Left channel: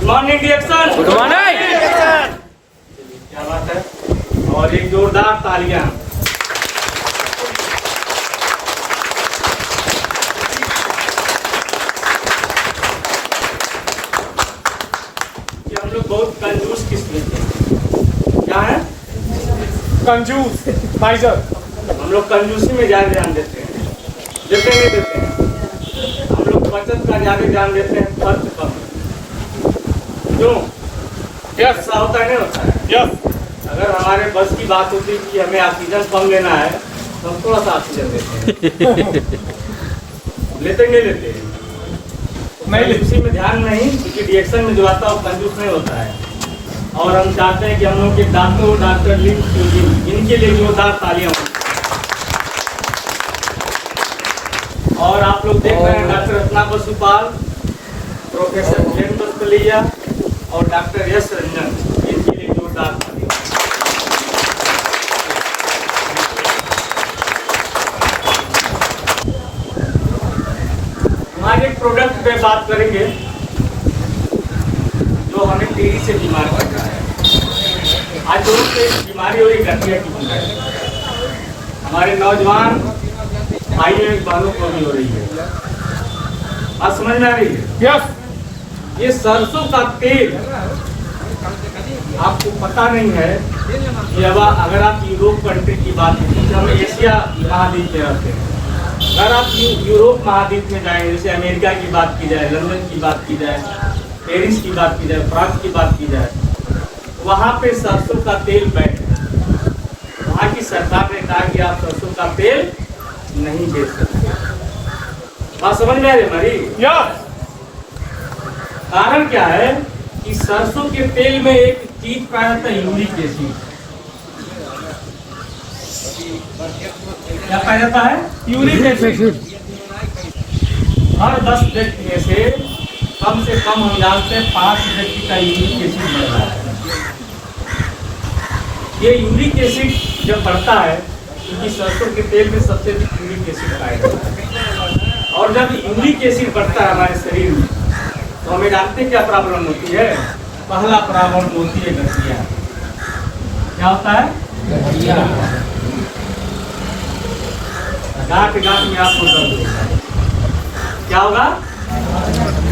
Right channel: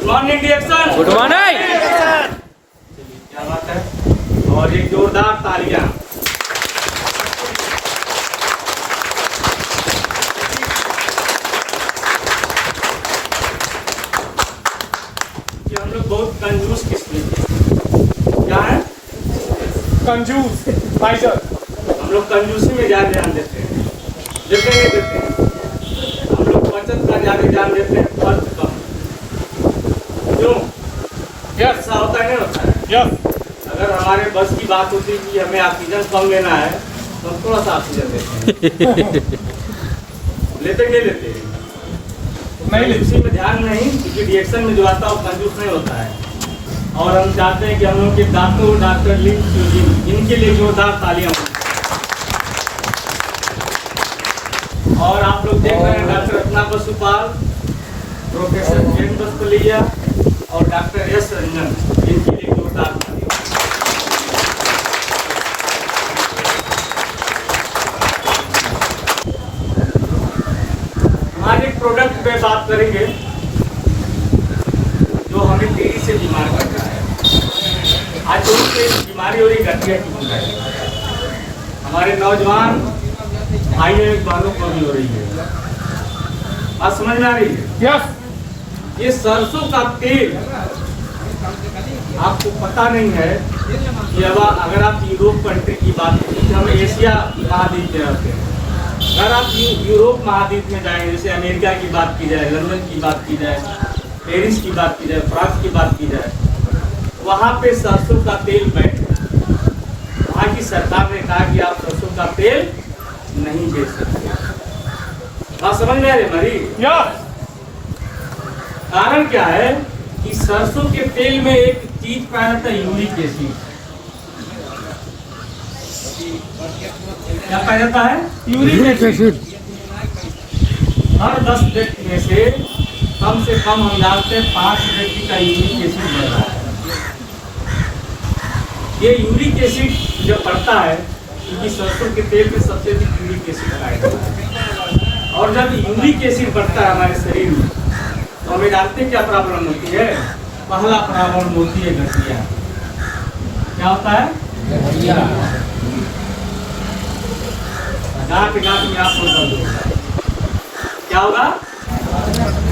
Good morning direction. Good morning sir. क्या बात है, और एक जोरदार तालियां। कि हम लोग बहुत कंजूस किस्म के क्या है, कंजूस माइजर। हम लोग कंजूसी में ज्यादा ध्यान देते हैं, देते नहीं देते हैं। हम लोग बचत का ज्यादा ध्यान देते हैं, खर्च कम। क्यों? ऐसा होता है, नहीं होता है? यस। अगर हमारे बस की बात होती कि हमें ऑक्सीजन कम लेना है तो हम थोड़ा सा ऑक्सीजन लेते हैं। लेते नहीं लेते नहीं, उसी में ध्यान नहीं, क्योंकि रिएक्शन में जो आता है वो कंजूस नहीं होता है। और हम चाहते हैं कि हम लोग के डॉक्टर इनके लिए जोरदार तालियां हों। और आप लोग देख रहे हैं डॉक्टर रत्ना बसुपाल, प्रोफेसर जैन बसपलिया और डॉक्टर एस रंजन, इनके लिए जोरदार तालियां। हमारे प्रोडक्ट पे बात करेंगे जो हमें तेजी से बीमार करता है। आज लोगों की बीमारी हो रही गठिया की बीमारी, हमारे नौजवान भाई बहनों को भी हो रही है। बात समझ में आ रही है? यस। ये सरसों का तेल आपको पता नहीं है कि अब अगर आप यूरोप कंट्री की बात करें तो हम एशिया महाद्वीप में रहते हैं। अगर आप यूरोप महाद्वीप में जाएं, जैसे अमेरिका की बात की जाए, लंदन की बात की जाए, पेरिस की बात की जाए, फ्रांस की बात की जाए, वहाँ पे सरसों का तेल बैन है। वहाँ की सरकार ने कहा कि आप सरसों का तेल नहीं बेच सकते। बात समझ में आ रही हमारी? यस। कारण क्या है कि सरसों के तेल में एक चीज पाया जाता है, यूरिक एसिड। क्या पाया जाता है? Uric acid. हर 10 व्यक्ति में से कम हम जानते हैं 5 व्यक्ति का यूरिक एसिड बढ़ रहा है। ये यूरिक एसिड जब बढ़ता है क्योंकि सरसों के तेल में सबसे अधिक यूरिक एसिड पाया जाता है, और जब यूरिक एसिड बढ़ता है हमारे शरीर में तो हमें जानते हैं क्या प्रॉब्लम होती है। पहला प्रॉब्लम होती है गठिया। क्या होता है? गठिया। गांठ गांठ में आपको दर्द होगा। क्या होगा?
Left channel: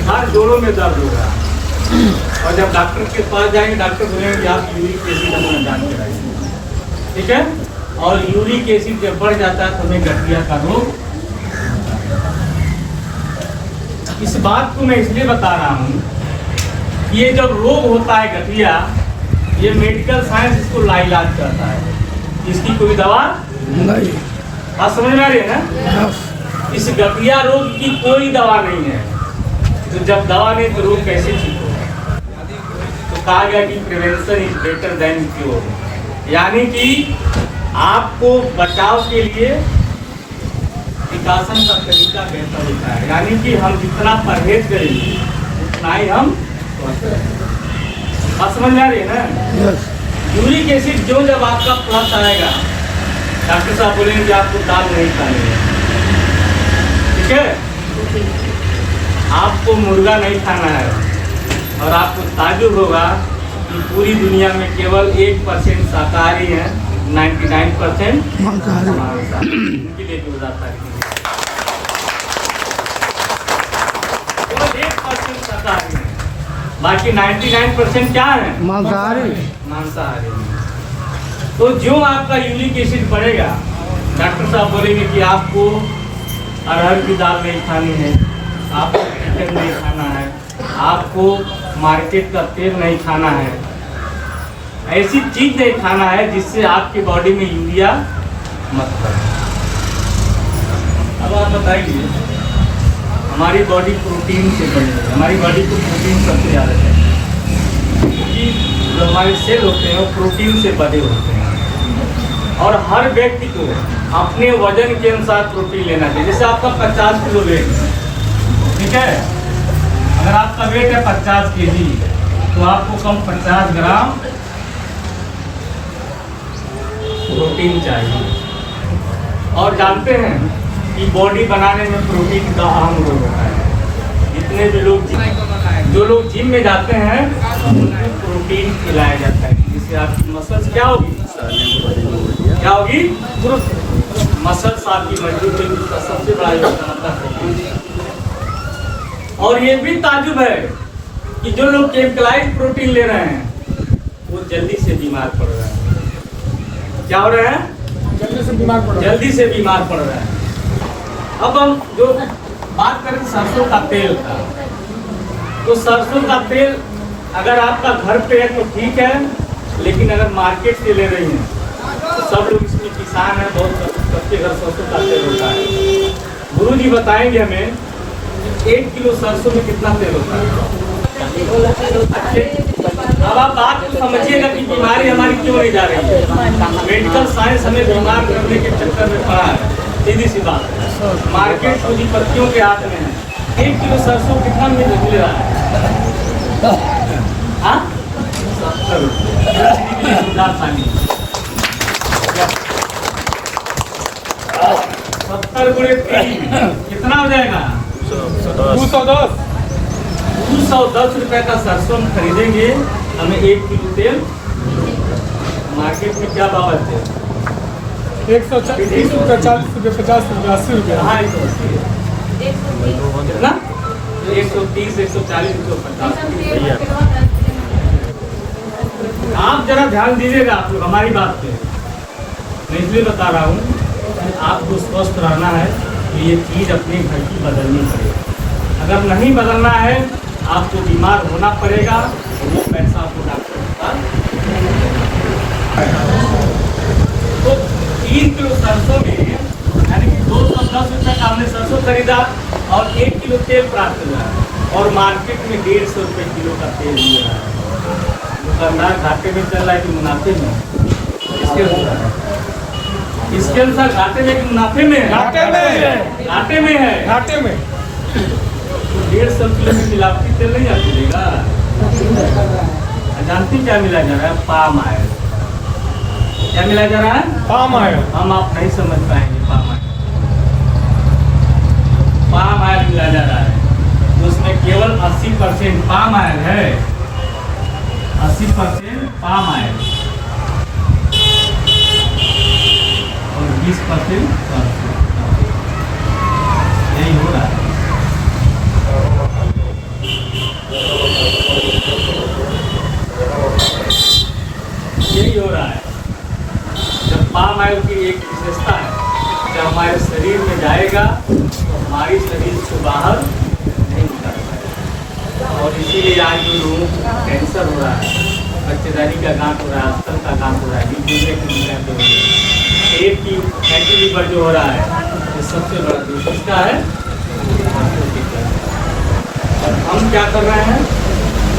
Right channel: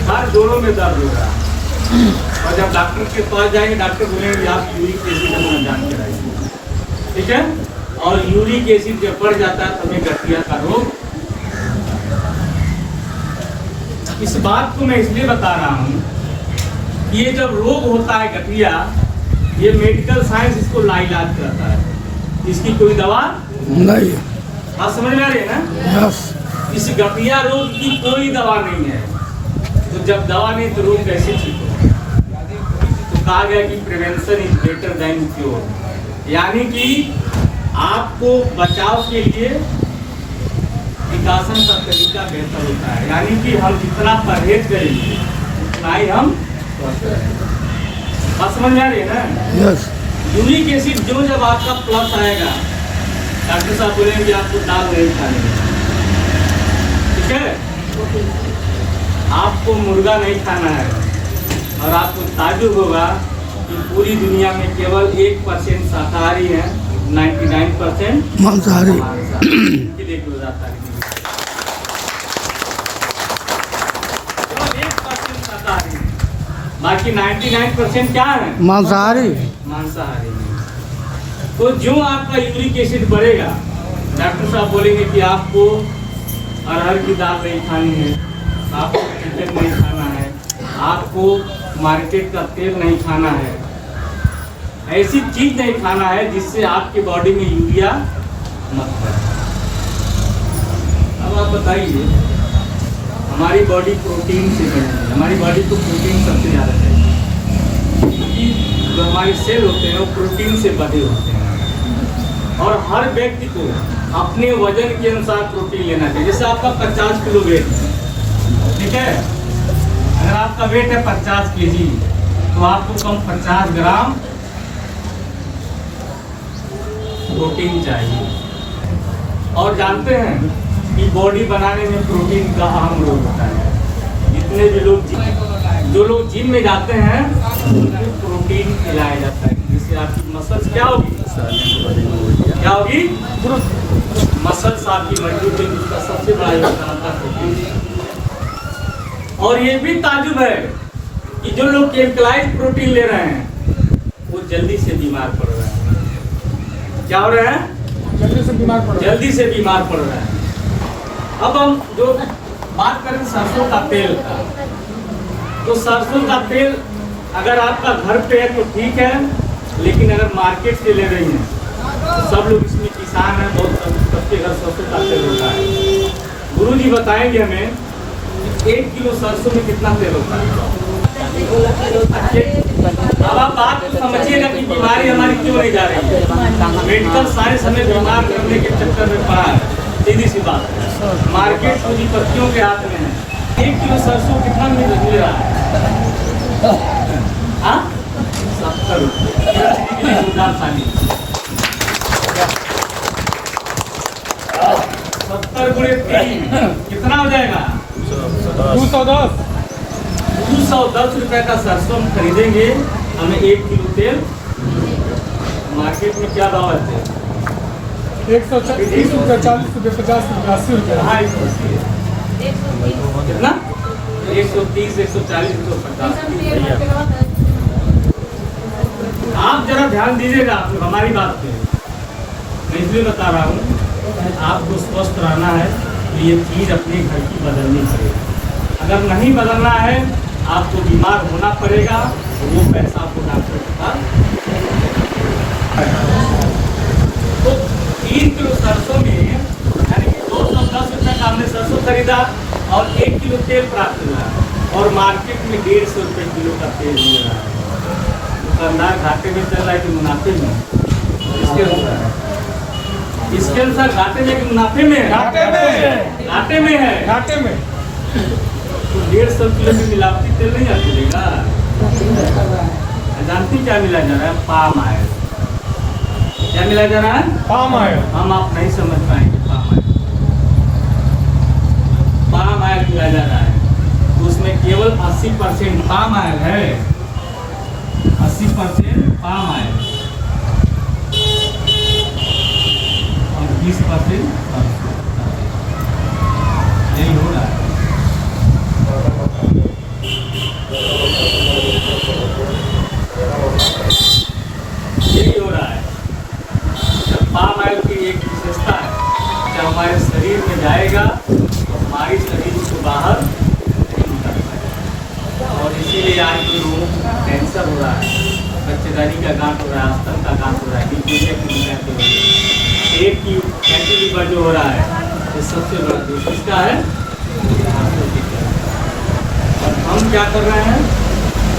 हर जोड़ों में दर्द होगा। और जब डॉक्टर के पास जाएंगे, डॉक्टर बोलेंगे आप यूरिक एसिड अपना जान के लाइए, ठीक है? और यूरिक एसिड जब बढ़ जाता है तो हमें गठिया का रोग। इस बात को मैं इसलिए बता रहा हूँ, ये जब रोग होता है गठिया, ये मेडिकल साइंस इसको लाइलाज करता है, इसकी कोई दवा नहीं। बात समझ में आ रही है ना? इस गठिया रोग की कोई दवा नहीं है। तो जब दवा नहीं तो रोग कैसे ठीक होगा? तो कहा गया कि prevention is better than cure, यानी कि आपको बचाव के लिए विकासन का तरीका बेहतर होता है। यानी कि हम जितना परहेज करेंगे उतना ही हम स्वस्थ रहेंगे। बात समझ में आ रही है ना? यूरिक एसिड जो जब आपका प्लस आएगा, डॉक्टर साहब बोलेंगे कि आपको दाल नहीं खानी है, ठीक है? आपको मुर्गा नहीं खाना है, और आपको ताज्जुब होगा कि पूरी दुनिया में केवल 1% शाकाहारी है, 99% मांसाहारी। इनके लिए जो जाता है केवल 1% शाकाहारी है, बाकी 99% क्या है? मांसाहारी। तो जो आपका यूरिक एसिड बढ़ेगा, डॉक्टर साहब बोलेंगे कि आपको अरहर की दाल नहीं खानी है, आपको चिकन नहीं खाना है, आपको मार्केट का तेल नहीं खाना है, ऐसी चीज नहीं खाना है जिससे आपकी बॉडी में यूरिया मत बढ़े। अब आप बताइए, हमारी बॉडी प्रोटीन से बनी है, हमारी बॉडी को प्रोटीन सबसे ज़्यादा चाहिए, क्योंकि जो हमारे सेल होते हैं वो प्रोटीन से बने होते हैं। और हर व्यक्ति को अपने वजन के अनुसार प्रोटीन लेना चाहिए। जैसे आपका 50 किलो वेट है, ठीक है? अगर आपका वेट है 50 kg तो आपको कम 50 ग्राम प्रोटीन चाहिए। और जानते हैं कि बॉडी बनाने में प्रोटीन का अहम रोल होता है। जितने भी लोग जो लोग जिम में जाते हैं उनको प्रोटीन खिलाया जाता है जिससे आपकी मसल्स क्या होगी, क्या होगी, मसल्स आपकी मजबूत होगी। उसका सबसे बड़ा योगदान होता है प्रोटीन। और ये भी ताजुब है कि जो लोग केमिकलाइज्ड प्रोटीन ले रहे हैं वो जल्दी से बीमार पड़ रहे हैं। क्या हो रहे हैं? जल्दी से बीमार पड़ रहे हैं। अब हम जो बात करें सरसों का तेल का, तो सरसों का तेल अगर आपका घर पे है तो ठीक है, लेकिन अगर मार्केट से ले रही हैं तो सब लोग इसमें किसान हैं, बहुत सबके घर सरसों का तेल होता है। गुरुजी बताएंगे हमें 1 किलो सरसों में कितना तेल होता है। अब आप बात को समझिएगा कि बीमारी हमारी क्यों नहीं जा रही है। मेडिकल साइंस हमें बीमार करने के चक्कर में पड़ा है। सीधी सी बात, मार्केट पूंजीपतियों के हाथ में है। 1 किलो सरसों कितना मिल रहा है? 70 रुपये। पानी 70 गुणे 3 कितना हो जाएगा? 210 रुपए का सरसों हम खरीदेंगे। हमें 1 किलो तेल मार्केट में क्या दावा है? 130 रुपये, 40 रुपये, 50 रुपये, 80 रुपये। हाँ 180 कितना? 130, 140, 150। आप जरा ध्यान दीजिएगा, आप लोग हमारी बात पे। मैं इसलिए बता रहा हूँ, आपको स्वस्थ रहना है तो ये चीज़ अपने घर की बदलनी पड़ेगी। अगर नहीं बदलना है आपको बीमार होना पड़ेगा, तो वो पैसा आपको डॉक्टर का। तो 3 किलो सरसों में यानी कि 210 रुपये का हमने सरसों खरीदा और 1 किलो तेल प्राप्त हुआ और मार्केट में 150 रुपये किलो का तेल मिल रहा है। दुकानदार घाटे में चल रहा है कि मुनाफे में? इसके अनुसार घाटे में कि मुनाफे में है? घाटे में है। तो 150 किलो की मिलावटी तेल नहीं चलेगा। जानती क्या मिला जा रहा है? Palm oil. क्या मिला जा रहा है? Palm oil. हम आप नहीं समझ पाएंगे। पाम ऑयल मिला जा रहा है, उसमें केवल 80% पाम ऑयल है। 80% पाम ऑयल और 20% यही हो रहा है। यही हो रहा है। जब पाम ऑयल की एक विशेषता है, जब हमारे शरीर में जाएगा तो हमारी शरीर से बाहर नहीं निकलता। और इसीलिए आज जो लोगों को कैंसर हो रहा है, बच्चेदारी का गांठ हो रहा है, अस्तर का गांठ हो रहा है, न्यूक्लिया की बीमारी हो रही है, पेट की फैटी लीवर जो हो रहा है, तो सबसे बड़ा दोष इसका है। हम क्या कर रहे हैं?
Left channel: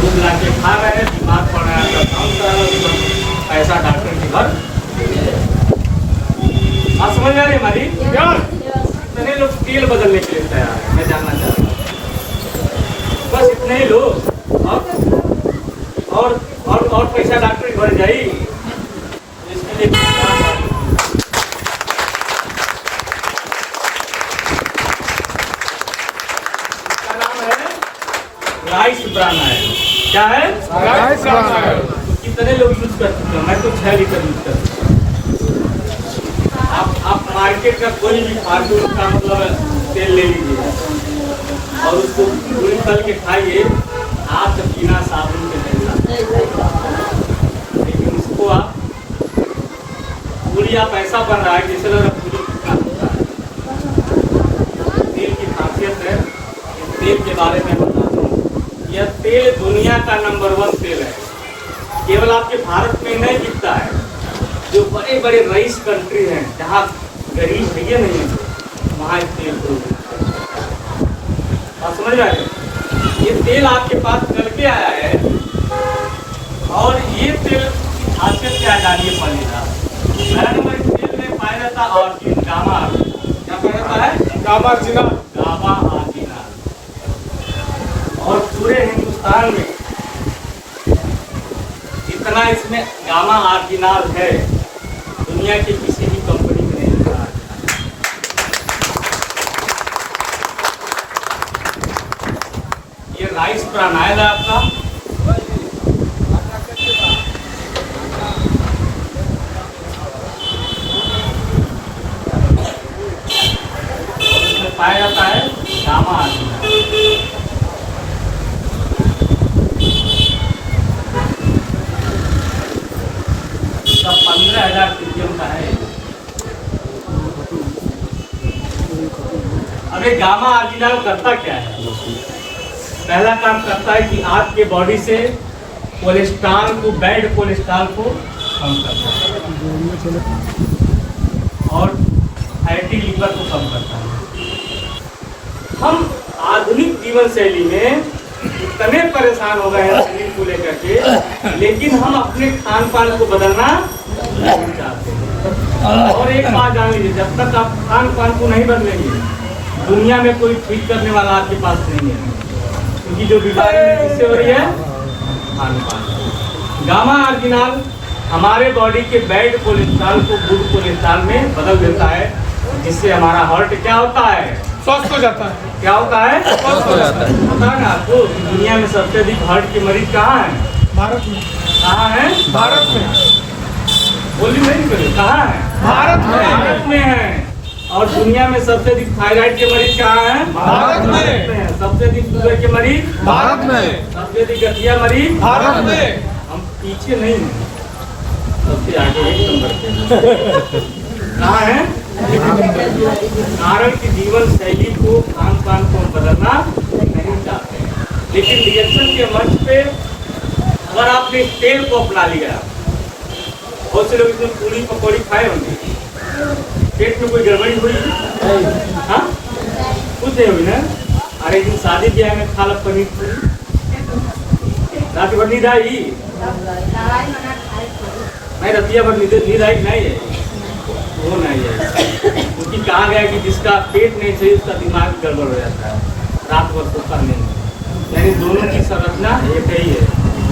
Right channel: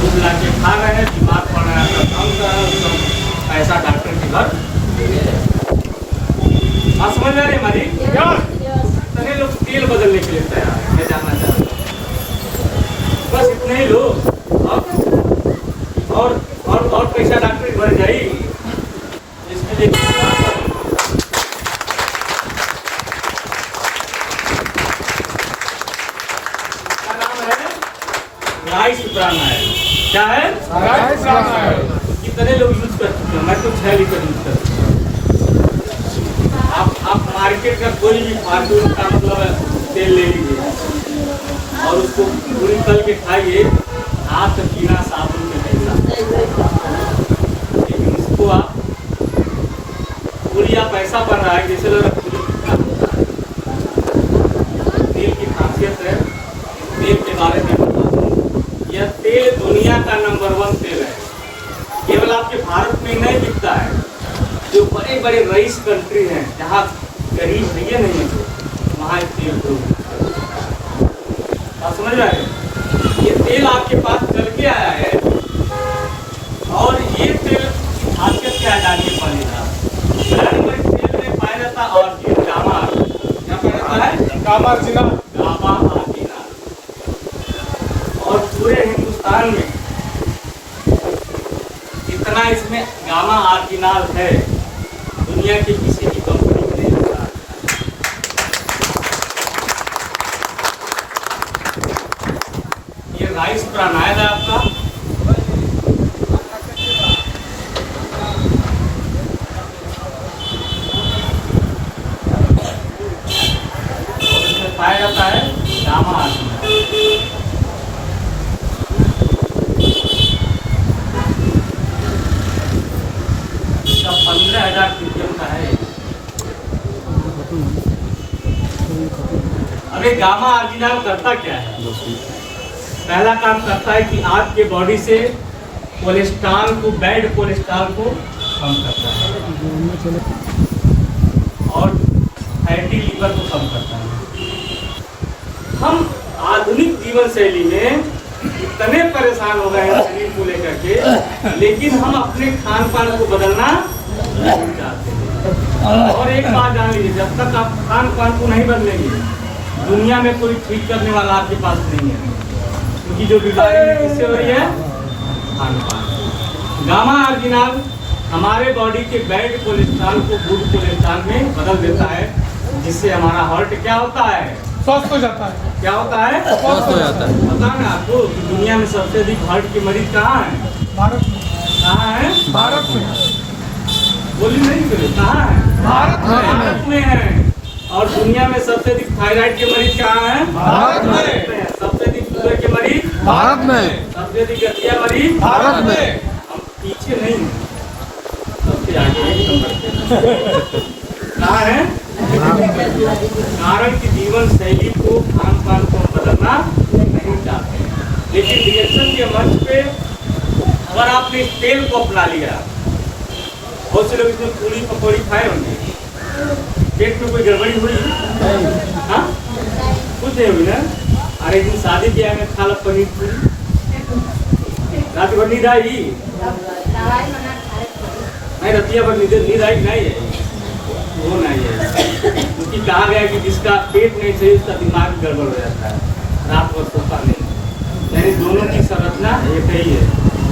दूध ला के खा रहे हैं, बीमार पड़ रहा है, काम कर रहे हैं, पैसा डॉक्टर के घर। आप समझ आ रहे हमारी? इतने लोग तेल बदलने के लिए तैयार है। मैं जानना चाहता हूँ बस इतने ही लोग, और पैसा डॉक्टर के घर जाई। इसके लिए इसका नाम है राइस ब्रान ऑयल। क्या है? Rice bran oil. कितने लोग यूज कर चुके हैं? मैं तो 6 लीटर यूज कर चुका हूँ। आप मार्केट का कोई भी फार्चून का मतलब तेल ले लीजिए और उसको पूरी तल के खाइए, हाथ पीना साबुन में पीना। लेकिन उसको आप पूरी आप ऐसा बन रहा है जैसे लग रहा पूरी का होता है। तेल की खासियत है, तेल के बारे में बताता हूँ। यह तेल दुनिया का नंबर 1 तेल है। केवल आपके भारत में नहीं बिकता है, जो बड़े बड़े रईस कंट्री हैं जहाँ गरीब भैया नहीं है वहाँ तेल आप समझ रहे हैं? ये तेल आपके पास चल के आया है और ये तेल खासियत क्या है जानिए पहले आप। तेल में पाया जाता है और गामा, क्या पाया जाता है? गामा आर्जिना। और पूरे हिंदुस्तान में इतना इसमें गामा आर्जिनाल है, दुनिया की किसी भी कंपनी में नहीं होता। ये राइस प्राणायाम है आपका। इसमें पाया जाता है गामा आर्जिनाल। इसका 15,000 ppm का है। अब ये गामा आर्जिनाल करता क्या है? पहला काम करता है कि आपके बॉडी से कोलेस्ट्रॉल को, बैड कोलेस्ट्रॉल को कम करता है और फैटी लीवर को कम करता है। हम आधुनिक जीवन शैली में इतने परेशान हो गए हैं शरीर को लेकर के, लेकिन हम अपने खान पान को बदलना नहीं चाहते हैं। और एक बात जान लीजिए, जब तक आप खान पान को नहीं बदलेंगे, दुनिया में कोई ठीक करने वाला आपके पास नहीं है, क्योंकि जो बीमारी किससे हो रही है? खान पान। गामा आर्जिनाल हमारे बॉडी के बैड कोलेस्ट्रॉल को गुड कोलेस्ट्रॉल में बदल देता है, जिससे हमारा हार्ट क्या होता है? स्वस्थ हो जाता है। क्या होता है? स्वस्थ हो जाता है। पता है ना आपको कि दुनिया में सबसे अधिक हार्ट के मरीज कहाँ हैं? भारत में। कहाँ हैं? भारत में। बोली नहीं बोली, कहाँ है? भारत में। भारत में है। और दुनिया में सबसे अधिक थायराइड के मरीज कहाँ हैं? भारत में। सबसे अधिक शुगर के मरीज भारत में। सबसे अधिक गठिया मरीज भारत में। हम पीछे नहीं हैं, सबसे आगे एक नंबर पे। कहाँ है? कारण कि जीवन शैली को, खान पान को बदलना नहीं चाहते, लेकिन रिएक्शन के मंच पे अगर आपने तेल को अपना लिया, बहुत से लोग इसमें पूरी पकौड़ी खाए होंगे, पेट में कोई गड़बड़ी हुई? हाँ, कुछ नहीं हुई ना। अरे दिन शादी ब्याह में खा लो पनीर पूरी, रात भर नींद आई नहीं? रतिया भर नींद आई नहीं है? वो नहीं है, क्योंकि कहा गया कि जिसका पेट नहीं सही उसका दिमाग गड़बड़ हो जाता है, रात भर सोता नहीं। यानी दोनों की संरचना एक ही है।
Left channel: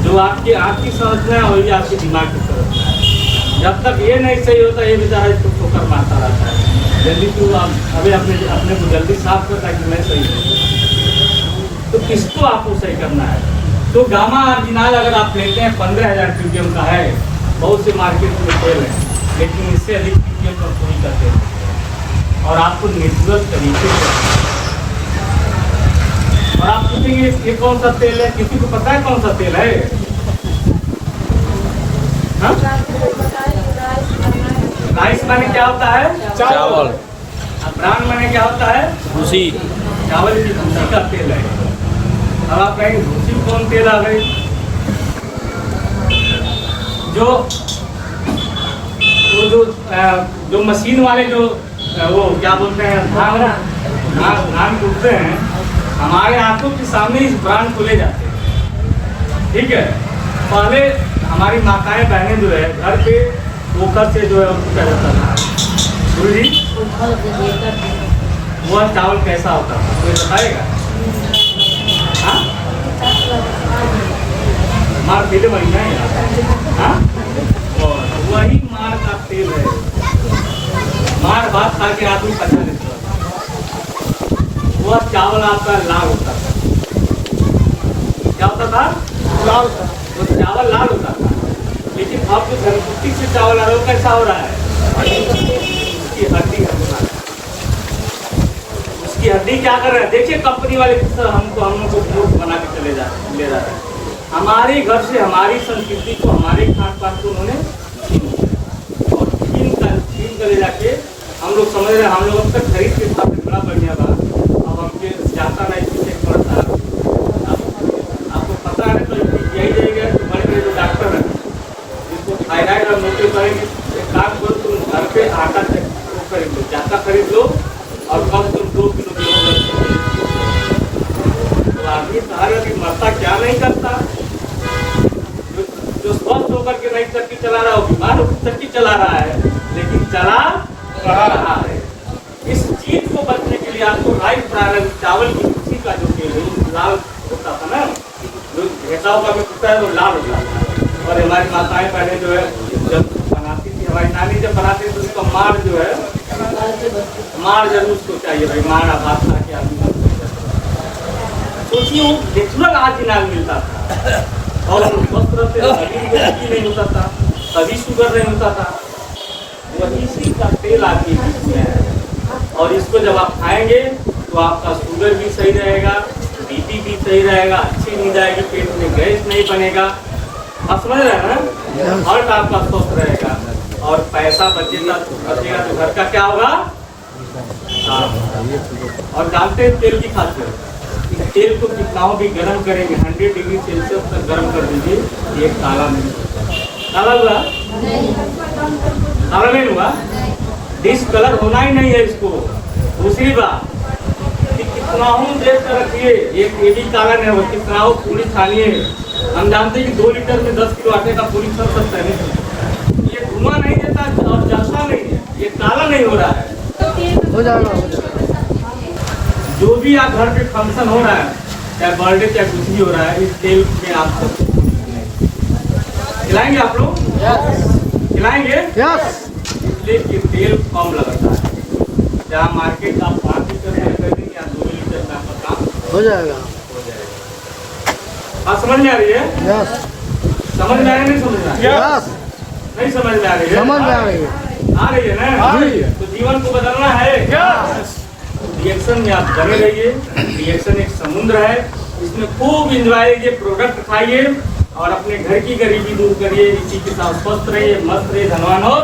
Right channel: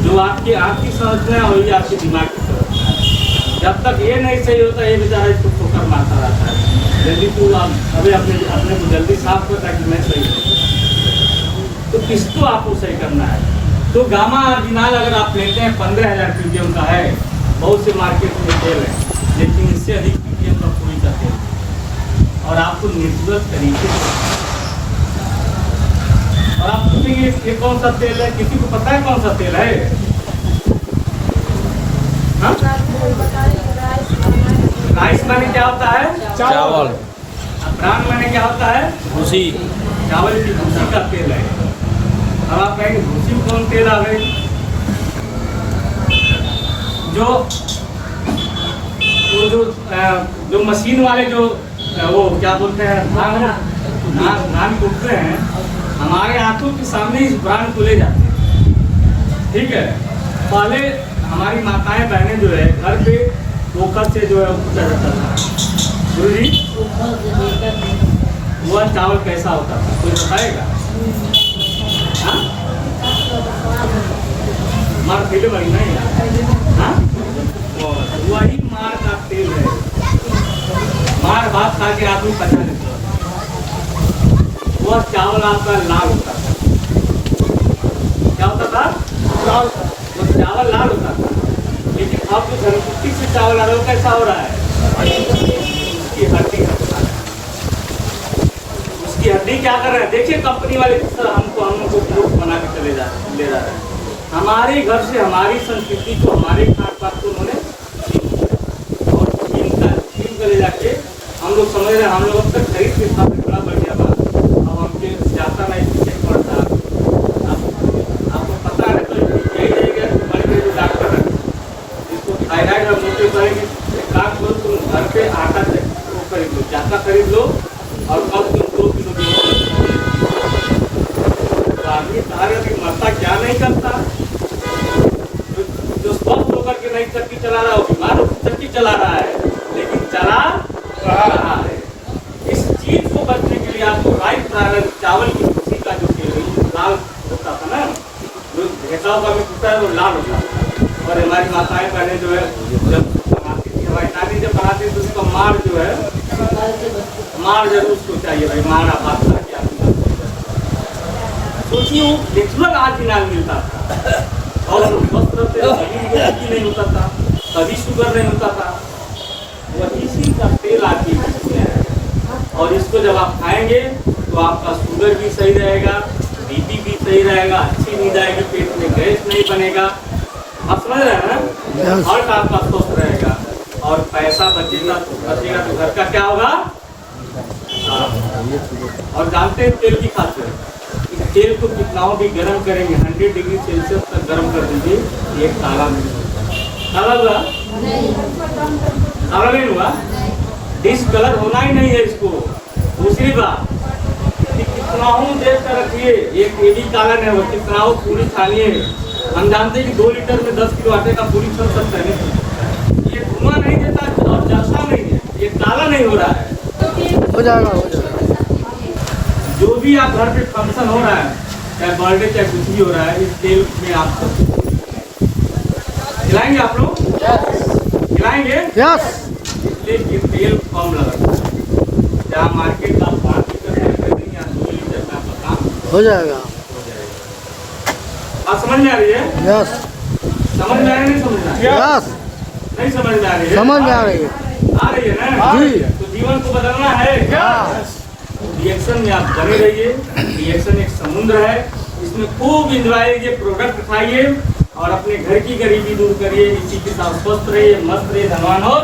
जो आपकी आँख की संरचना है वही आपके दिमाग की संरचना है। जब तक ये नहीं सही होता, ये बेचारा इसको ठोकर मारता रहता है। जल्दी तू अभी अपने को जल्दी साफ कर ताकि मैं सही हूँ। तो किसको आपको सही करना है? तो गामा आर्जिनाल अगर आप लेते हैं 15,000 ppm का है, बहुत से मार्केट में तेल है, लेकिन इससे अधिक ppm का कोई करते हैं और आपको नेचुरल तरीके से। और आप पूछेंगे ये कौन सा तेल है? किसी को पता है कौन सा तेल है? हाँ? राइस माने क्या होता है? चावल। ब्रांड माने क्या होता है? भूसी। चावल की भूसी का तेल है। अब आप कहेंगे भूसी कौन तेल आ गई? जो मशीन वाले जो वो क्या बोलते हैं, धान कूटते हैं, हमारे आंखों के सामने इस ब्रांड को ले जाते हैं। ठीक है, पहले हमारी माताएं बहनें जो है घर पे पोखर से जो है कूटा जाता था। जी वह चावल कैसा होता था कोई बताएगा? हाँ, मार पीले वही नहीं। हाँ, वही मार का तेल है। मार भात खा के आदमी पता नहीं चला। वह चावल आपका लाल होता था। क्या होता था? लाल। वो चावल लाल होता था। लेकिन अब जो धनकुट्टी से चावल आ रहा है वो कैसा हो रहा है? उसकी हड्डी होता है। उसकी हड्डी क्या कर रहे हैं? देखिए कंपनी वाले किस तरह हम लोग को मूर्ख बना के ले जाते हैं। हमारे घर से हमारी संस्कृति को, हमारे खान पान को उन्होंने छीन कर ले जाके हम लोग समझ रहे हैं हम लोग अब तक खरीद के साथ बड़ा बढ़िया बात। अब हमके जाता नहीं पीछे पड़ता। अब आपको पता है तो यही रहेगा कि बड़े बड़े जो डॉक्टर हैं जिसको थायराइड और मोटे करेंगे, एक काम करो तुम घर पे आटा खरीद लो, जाता खरीद लो और कम से कम 2 किलो गेहूं। तो आदमी सहारा भी मरता क्या नहीं करता? जो स्वस्थ होकर के नहीं चक्की चला रहा हो, बीमार होकर चक्की चला रहा है, लेकिन चला रहा है। इस चीज को बचने के लिए आपको राइस ब्रांड चावल की भूसी का जो तेल लाल होता था ना, जो घेटा होगा में कुत्ता है वो लाल होता था। और हमारी माताएं पहले जो है जब बनाती थी, हमारी नानी जब बनाती थी तो उसका मार जो है, मार जरूर उसको चाहिए भाई, मार भात खा के आदमी। सोचिए वो नेचुरल आज इलाज मिलता था और हम स्वस्थ रहते थे, कभी कोई बीपी नहीं होता था, कभी शुगर नहीं होता था। वही इसी का तेल आपके बीच में है और इसको जब आप खाएंगे तो आपका शुगर भी सही रहेगा, बीपी भी सही रहेगा, अच्छी नींद आएगी, पेट में गैस नहीं बनेगा। आप समझ रहे हैं ना? हार्ट आपका स्वस्थ रहेगा और पैसा बचेगा तो घर का क्या होगा? और जानते हैं तेल की खासियत, इस तेल को कितना भी गर्म करेंगे 100 डिग्री सेल्सियस तक गर्म कर दीजिए, ये काला नहीं होगा। काला हुआ? काला नहीं हुआ? डिसकलर होना ही नहीं है इसको। दूसरी बात कि कितना देर तक रखिए, ये भी काला नहीं होगा, कितना पूरी छानिए। हम जानते हैं कि 2 लीटर में 10 किलो आटे का पूरी कर सकते हैं। ये धुआं नहीं देता और जलता नहीं है, ये काला नहीं हो रहा है। हो जाएगा। जो भी आप घर पे फंक्शन हो रहा है, चाहे बर्थडे चाहे कुछ भी हो रहा है, इस तेल में आप खिलाएंगे। आप लोग खिलाएंगे? यस। इसलिए ये तेल कम लगा, जहाँ मार्केट का 5 लीटर या 2 लीटर का काम हो जाएगा। आप समझ में आ रही है? यस। समझ में आ रही है? नहीं समझ में आ रही है? यस। नहीं समझ में आ रही है? समझ में आ रही है। आ रही है ना? जी। तो जीवन को बदलना है। रिएक्शन में आप बने रहिए। रिएक्शन एक समुद्र है, इसमें खूब इंजॉय कीजिए, प्रोडक्ट खाइए और अपने घर की गरीबी दूर करिए। इसी के साथ स्वस्थ रहिए, मस्त रहिए, धनवान हो।